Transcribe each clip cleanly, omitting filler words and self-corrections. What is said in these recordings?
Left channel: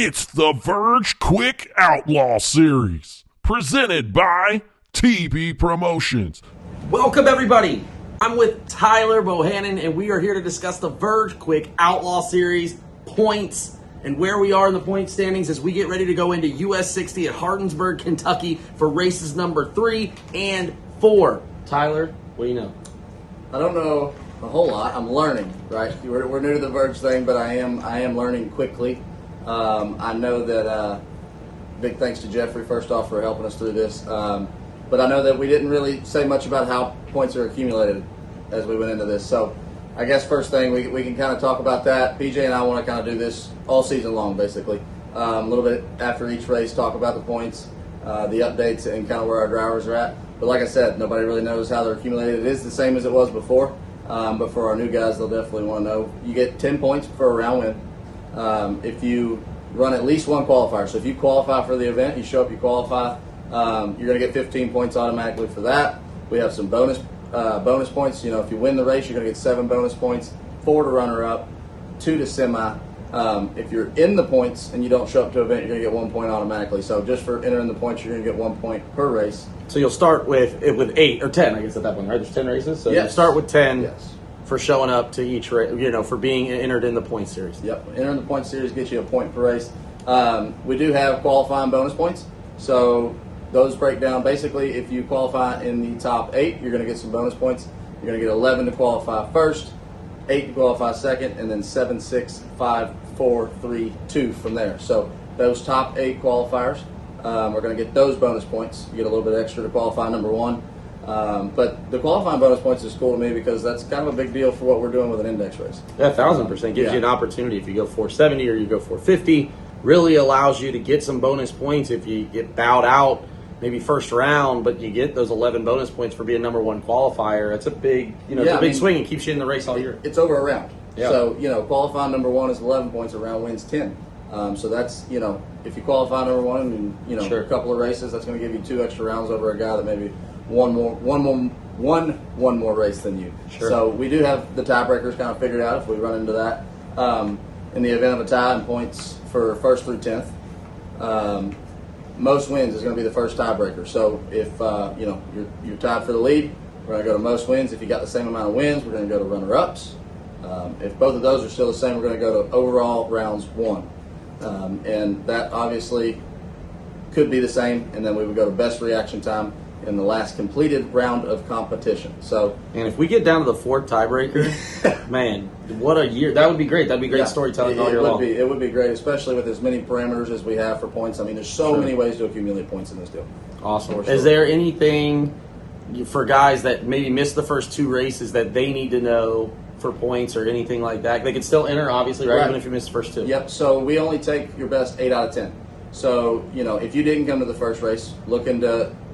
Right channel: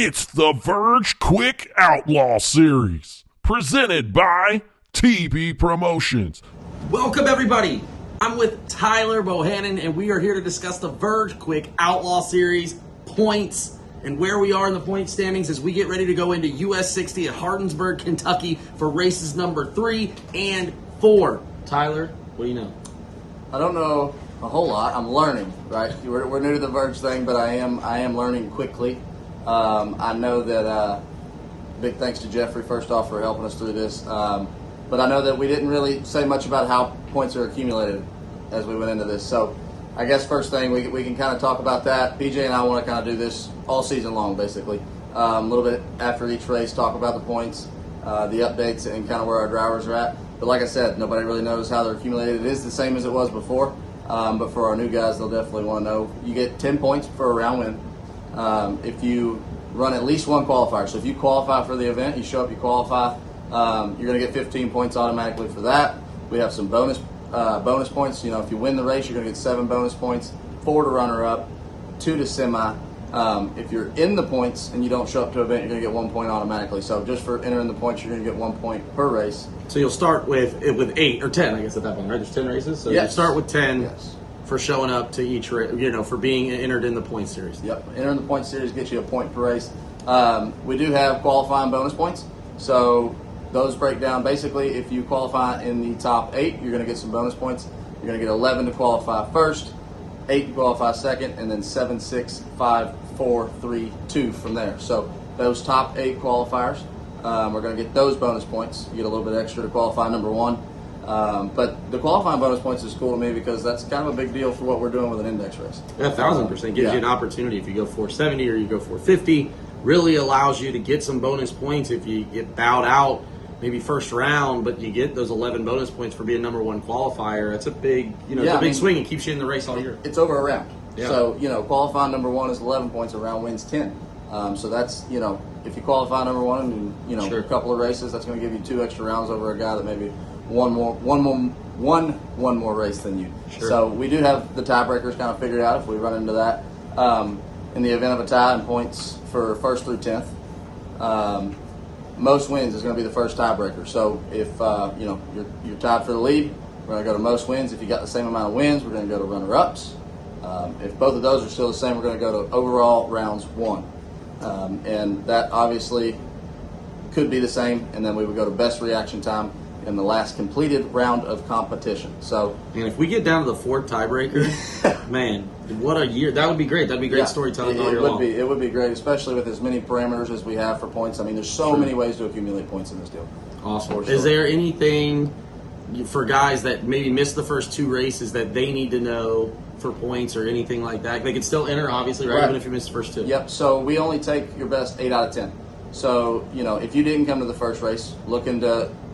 It's the VERGE Quick Outlaw Series, presented by TB Promotions. Welcome, everybody. I'm with Tyler Bohannon, and we are here to discuss the VERGE Quick Outlaw Series points and where we are in the point standings as we get ready to go into US 60 at Hardinsburg, Kentucky for races number 3 and 4. Tyler, what do you know? I don't know a whole lot. I'm learning, right? We're new to the Verge thing, but I am learning quickly. I know that big thanks to Jeffrey first off for helping us through this. But I know that we didn't really say much about how points are accumulated as we went into this. So I guess first thing we can kind of talk about that. PJ and I want to kind of do this all season long, basically. A little bit after each race, talk about the points, the updates, and kind of where our drivers are at. But like I said, nobody really knows how they're accumulated. It is the same as it was before, but for our new guys, they'll definitely want to know. You get 10 points for a round win if you run at least one qualifier. So if you qualify for the event, you show up, you qualify, you're going to get 15 points automatically for that. We have some bonus points. You know, if you win the race, you're going to get 7 bonus points, 4 to runner-up, 2 to semi. If you're in the points and you don't show up to an event, you're going to get 1 point automatically. So just for entering the points, you're going to get 1 point per race. So you'll start with 8 or 10, I guess, at that point, right? There's 10 races, so yes. You start with 10 yes. for showing up to each race, for being entered in the point series. Yep, entering the point series gets you a point per race. We do have qualifying bonus points, so those break down. Basically, if you qualify in the top 8, you're going to get some bonus points. You're going to get 11 to qualify first, 8 to qualify second, and then 7, 6, 5, 4, 3, 2 from there. So those top 8 qualifiers, we're going to get those bonus points. You get a little bit extra to qualify number 1. But the qualifying bonus points is cool to me because that's kind of a big deal for what we're doing with an index race. Yeah, 1,000% gives you an opportunity. If you go 470 or you go 450, really allows you to get some bonus points if you get bowed out maybe first round, but you get those 11 bonus points for being number 1 qualifier. It's a big, it's a big swing. It keeps you in the race all year. It's over a round. Yeah. So, qualifying number 1 is 11 points, a round wins 10. So that's, if you qualify number 1 and, Sure. a couple of races, that's going to give you 2 extra rounds over a guy that maybe one more race than you. Sure. So we do have the tiebreakers kind of figured out if we run into that. In the event of a tie in points for 1st through 10th, most wins is going to be the first tiebreaker. So if you're tied for the lead, we're going to go to most wins. If you got the same amount of wins, we're going to go to runner-ups. If both of those are still the same, we're going to go to overall rounds 1. And that obviously could be the same. And then we would go to best reaction time in the last completed round of competition. So, and if we get down to the 4th tiebreaker, man, what a year. That would be great. That'd be great storytelling all year long. It would be great, especially with as many parameters as we have for points. I mean, there's so many ways to accumulate points in this deal. Awesome. Is there anything for guys that maybe missed the first 2 races that they need to know for points or anything like that? They can still enter, obviously, right? Even if you missed the first 2. Yep. So we only take your best 8 out of 10. So, if you didn't come to the first race,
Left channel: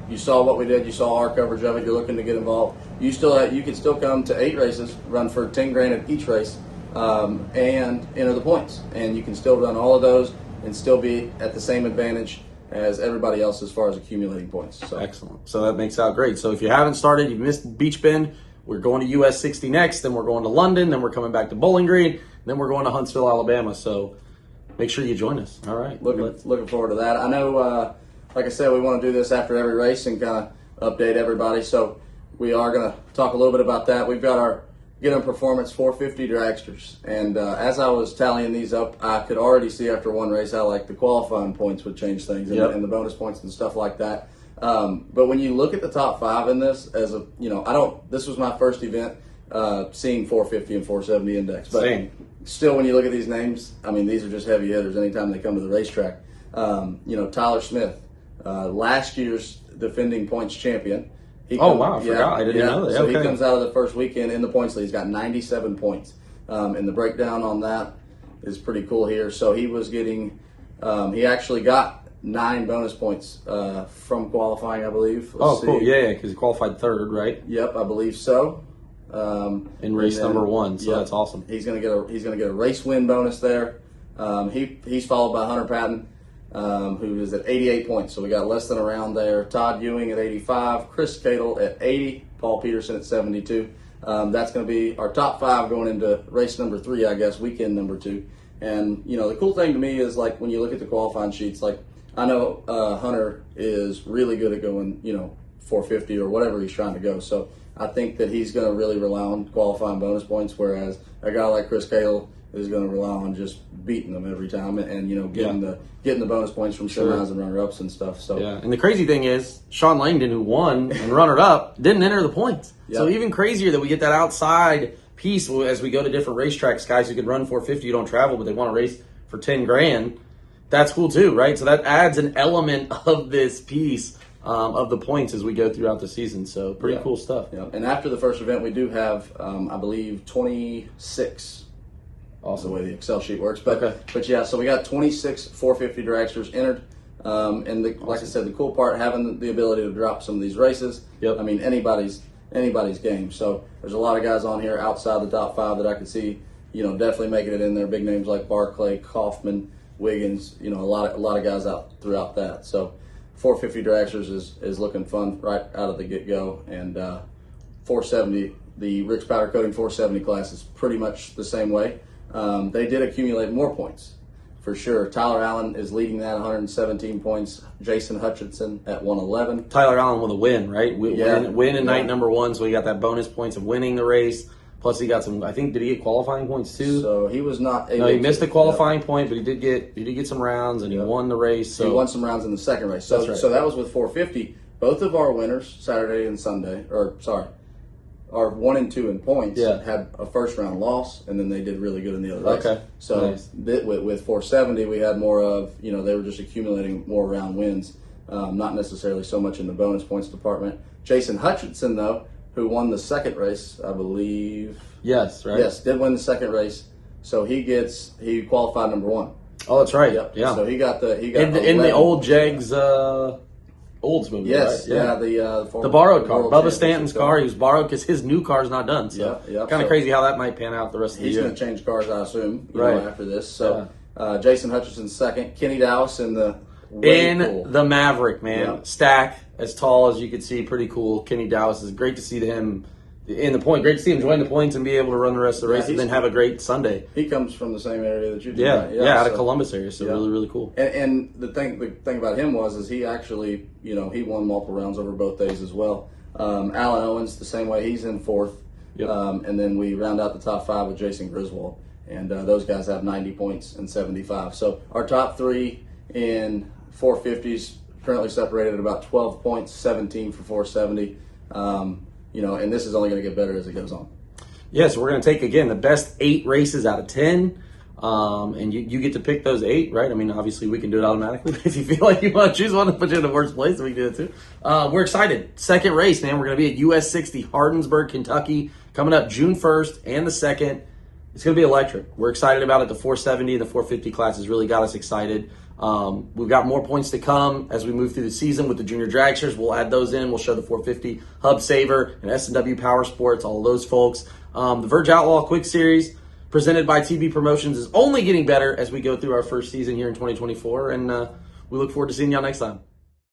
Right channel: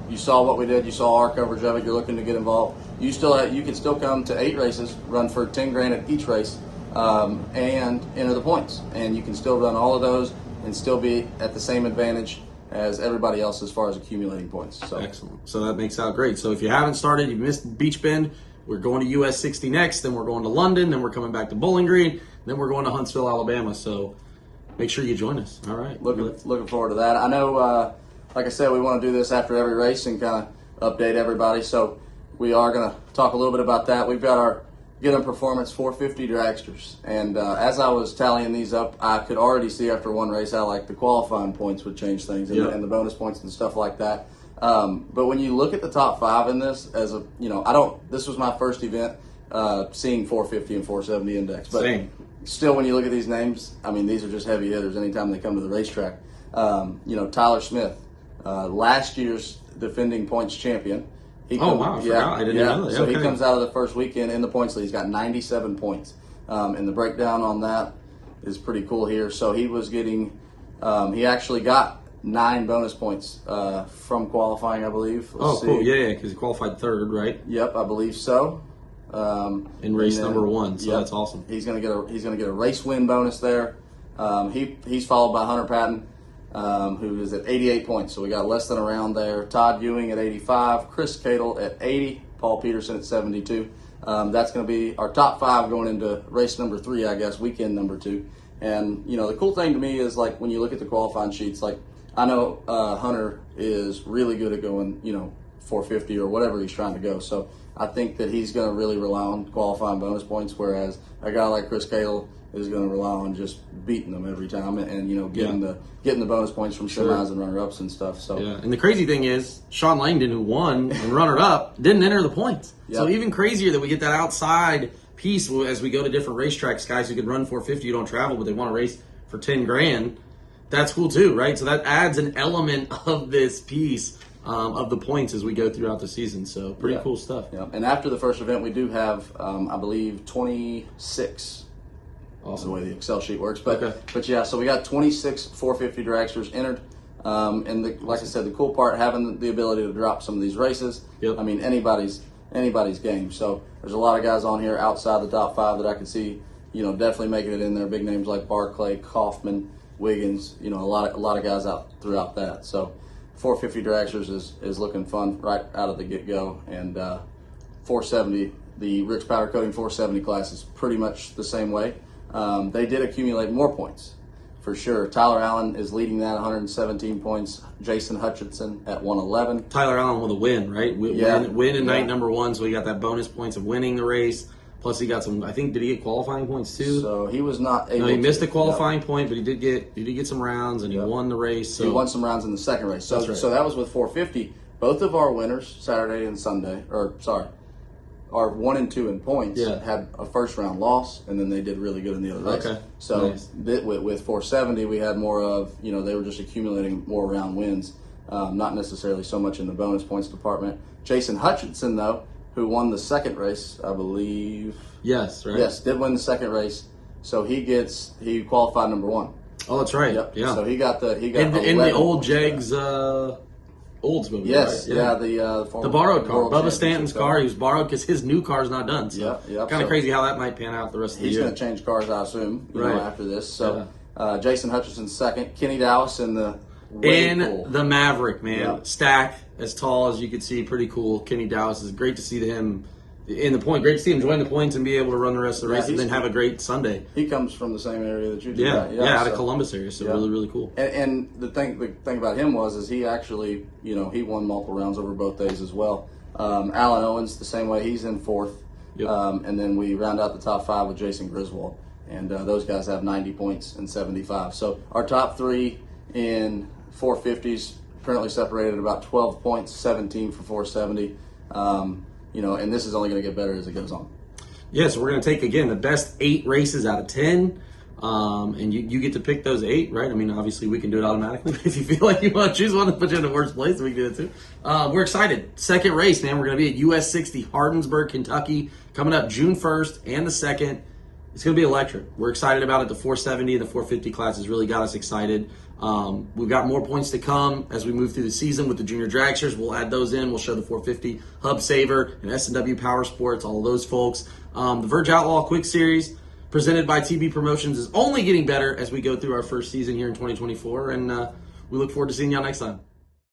you saw what we did, you saw our coverage of it, you're looking to get involved, you can still come to 8 races, run for 10 grand at each race, and enter the points. And you can still run all of those and still be at the same advantage as everybody else as far as accumulating points. So. Excellent. So that makes out great. So if you haven't started, you missed Beech Bend, we're going to US 60 next, then we're going to London, then we're coming back to Bowling Green, then we're going to Huntsville, Alabama. So make sure you join us. All right. Looking forward to that. I know, like I said, we want to do this after every race and kind of update everybody. So we are going to talk a little bit about that. We've got our Get 'em Performance 450 dragsters. And as I was tallying these up, I could already see after one race how the qualifying points would change things and the bonus points and stuff like that. But when you look at the top 5 in this, this was my first event seeing 450 and 470 index. But still, when you look at these names, I mean, these are just heavy hitters anytime they come to the racetrack. Tyler Smith, last year's defending points champion. I forgot. I didn't know that. So he comes out of the first weekend in the points lead. He's got 97 points. And the breakdown on that is pretty cool here. So he was getting, he actually got 9 bonus points from qualifying, I believe. Cool. Yeah, because he qualified 3rd, right? Yep, I believe so. In race number 1, so that's awesome. He's gonna get a race win bonus there. He's followed by Hunter Patton, who is at 88 points. So we got less than a round there. Todd Ewing at 85, Chris Cadle at 80, Paul Peterson at 72. That's going to be our top 5 going into race number 3, I guess, weekend number 2. And, you know, the cool thing to me is, like, when you look at the qualifying sheets, like, I know Hunter is really good at going, you know, 450 or whatever he's trying to go. So I think that he's going to really rely on qualifying bonus points, whereas a guy like Chris Cahill is going to rely on just beating them every time and you know, getting the bonus points from semis and runner-ups and stuff. So yeah, and the crazy thing is, Sean Langdon, who won and runner-up, didn't enter the points. Yep. So even crazier that we get that outside piece as we go to different racetracks. Guys who could run 450, you don't travel, but they want to race for 10 grand. That's cool too, right? So that adds an element of this piece of the points as we go throughout the season. So pretty cool stuff. Yeah. And after the first event, we do have, I believe, 26. Also, the way the Excel sheet works, but yeah, so we got 26 450 dragsters entered, and like I said, the cool part, having the ability to drop some of these races. I mean, anybody's game. So there's a lot of guys on here outside the top 5 that I could see, you know, definitely making it in there. Big names like Barclay, Kaufman, Wiggins, you know, a lot of guys out throughout that. So 450 dragsters is looking fun right out of the get-go, and 470, the Rick's Powder Coating 470 class is pretty much the same way. They did accumulate more points, for sure. Tyler Allen is leading that, 117 points. Jason Hutchinson at 111. Tyler Allen with a win, right? Win in night number 1, so he got that bonus points of winning the race. Plus he got some, I think, did he get qualifying points too? So he was not able. No, he missed a qualifying point, but he did get some rounds, and he won the race. So he won some rounds in the second race. So, so that was with 450. Both of our winners, Saturday and Sunday, our 1 and 2 in points had a first round loss, and then they did really good in the other race. So with 470, we had more of, you know, they were just accumulating more round wins, not necessarily so much in the bonus points department. Jason Hutchinson, though, who won the second race, I believe. Yes, right. Yes, did win the second race. So he qualified number 1. Oh, that's right. Yeah. So he got in the old Jegs Oldsmobile, yes, right? the borrowed car. Bubba Stanton's car. He was borrowed because his new car is not done. So kind of crazy how that might pan out the rest of the year. He's going to change cars, I assume, after this. So Jason Hutchinson's second. Kenny Dowis in the Maverick, man. Stack as tall as you could see, pretty cool. Kenny Dowis is great to see him in the point. Great to see him join the points and be able to run the rest of the race and then have a great Sunday. He comes from the same area that you do. Out of Columbus area, so really cool. And the thing about him is he actually, you know, he won multiple rounds over both days as well. Alan Owens, the same way, he's in 4th. And then we round out the top 5 with Jason Griswold. And those guys have 90 points and 75. So our top 3 in 450s currently separated at about 12 points, 17 for 470. You know, and this is only going to get better as it goes on. Yeah, so we're going to take, again, the best 8 races out of 10. And you get to pick those 8, right? I mean, obviously we can do it automatically. But if you feel like you want to choose one to put you in the worst place, we can do it too. We're excited. Second race, man. We're going to be at US 60, Hardinsburg, Kentucky, coming up June 1st and the 2nd. It's going to be electric. We're excited about it. The 470 and the 450 class has really got us excited. We've got more points to come as we move through the season with the junior dragsters. We'll add those in. We'll show the 450 Hub Saver and S&W Powersports, all of those folks. The Verge Outlaw Quick Series presented by TB Promotions is only getting better as we go through our first season here in 2024. And we look forward to seeing y'all next time.